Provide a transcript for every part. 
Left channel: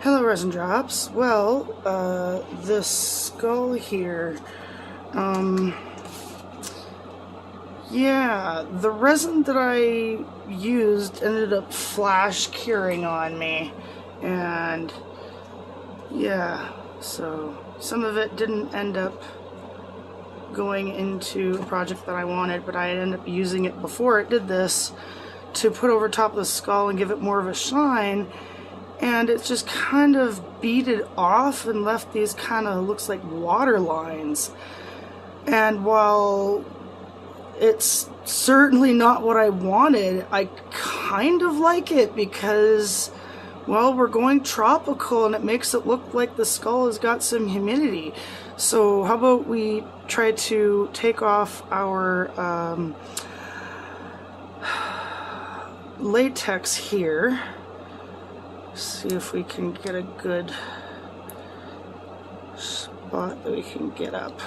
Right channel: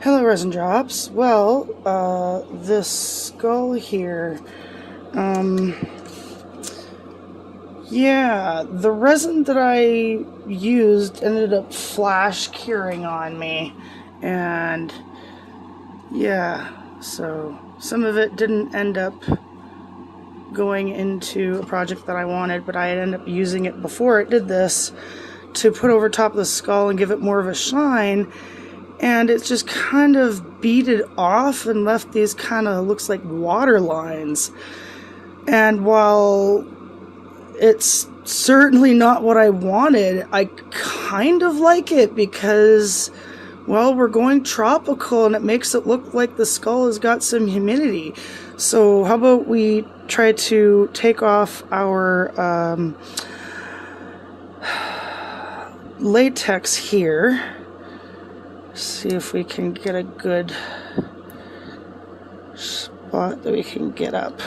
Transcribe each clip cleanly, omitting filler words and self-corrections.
Hello, Resin Drops. Well, this skull here, um, yeah, the resin that I used ended up flash curing on me, and yeah, so some of it didn't end up going into a project that I wanted, but I ended up using it before it did this to put over top of the skull and give it more of a shine. And it's just kind of beaded off and left these kind of looks like water lines. And while it's certainly not what I wanted, I kind of like it because, well, we're going tropical and it makes it look like the skull has got some humidity. So how about we try to take off our latex here. See if we can get a good spot that we can get up,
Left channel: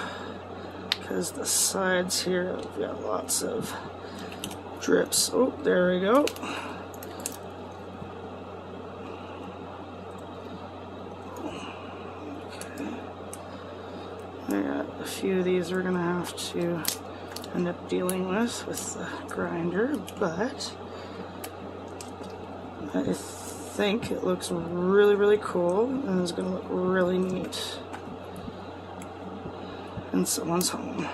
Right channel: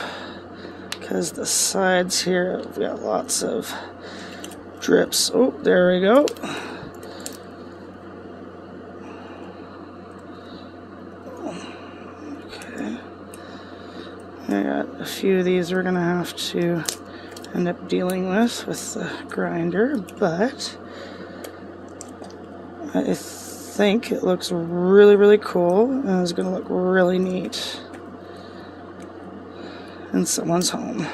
because the sides here have got lots of drips. Oh, there we go. Okay. I got a few of these we're gonna have to end up dealing with the grinder, but I think it looks really cool and it's going to look really neat in someone's home.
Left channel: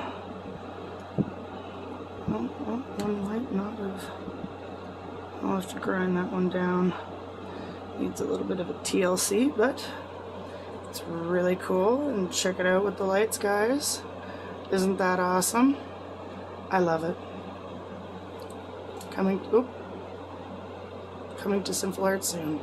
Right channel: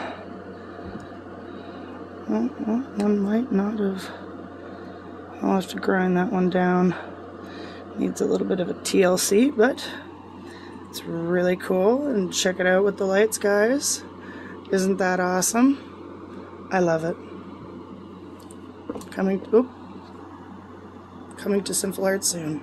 Well, I might not have. I'll have to grind that one down. Needs a little bit of a TLC, but it's really cool. And check it out with the lights, guys. Isn't that awesome? I love it. Coming to Sinful Art soon.